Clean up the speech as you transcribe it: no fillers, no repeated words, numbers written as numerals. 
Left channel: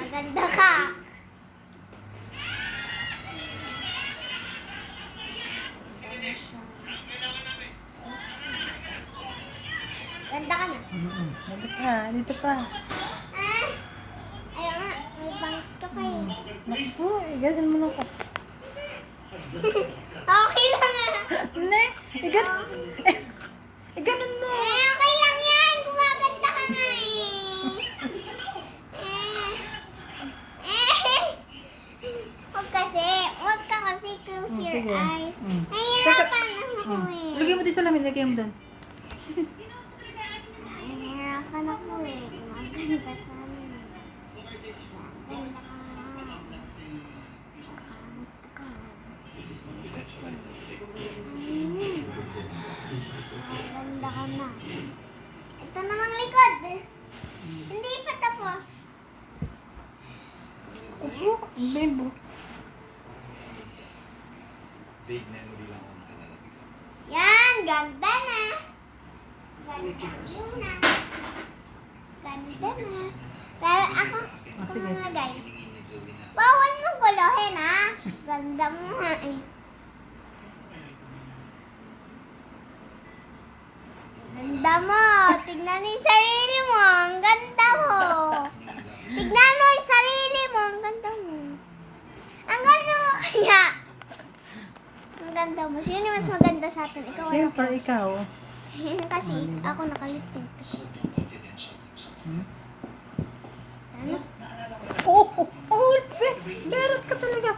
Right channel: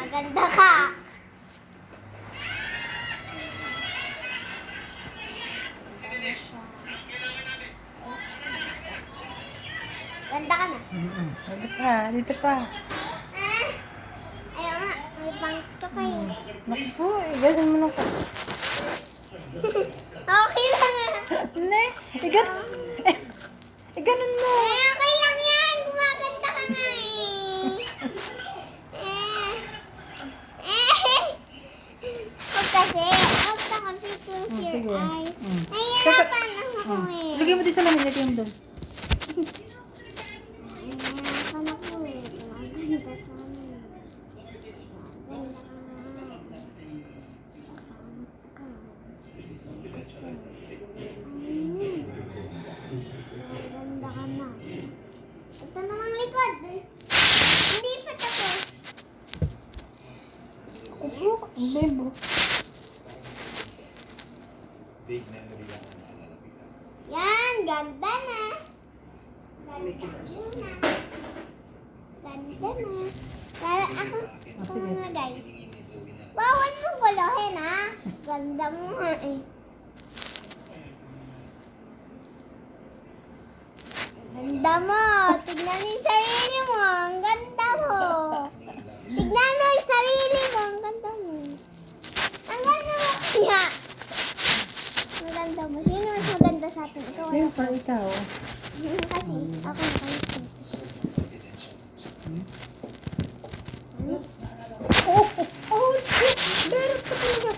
Maganda ka. Ganda ka na. Dito pa, dito pa. Ah, ayaw nga. May bangs ka pa eh. Naku po, ganun mo lang ka. Okay lang ah. Ne, ganun mo. Okay lang yan. Gumaganda ka nga eh. Huwag kasi. Huwag ka kasi close your Sige. eyes. Teka. Nahihirapan ako eh. Lagyan mo din sa lamin, lagyan mo doon. Nahihirapan ako eh. Gumaganda ka na. Gumaganda ka nga. Kakangit ka. Gumaganda ka na. Ito namang likod. Hindi pa tapos. Ako po, ang bebo. Big memory lang ang naalala bigla. Yan, ganda na. Ganda na. Ganda na. Lalo ako, Sige. kumalagay. Hiningin ni Zoe na Bawal mong gulahin ha. Ganda mo nga eh. Ganda mo. Tignan mo yung sarili mo. Ang ganda mo. Tignan mo yung sarili mo. Ang ganda mo. Ang ganda mo kaya. Ang ganda mo. Sino mas maganda sa atin? Ikaw wala Siyempre, ikaw. Kasi ako nakalipin. Ano? Oh, meron ka talaga.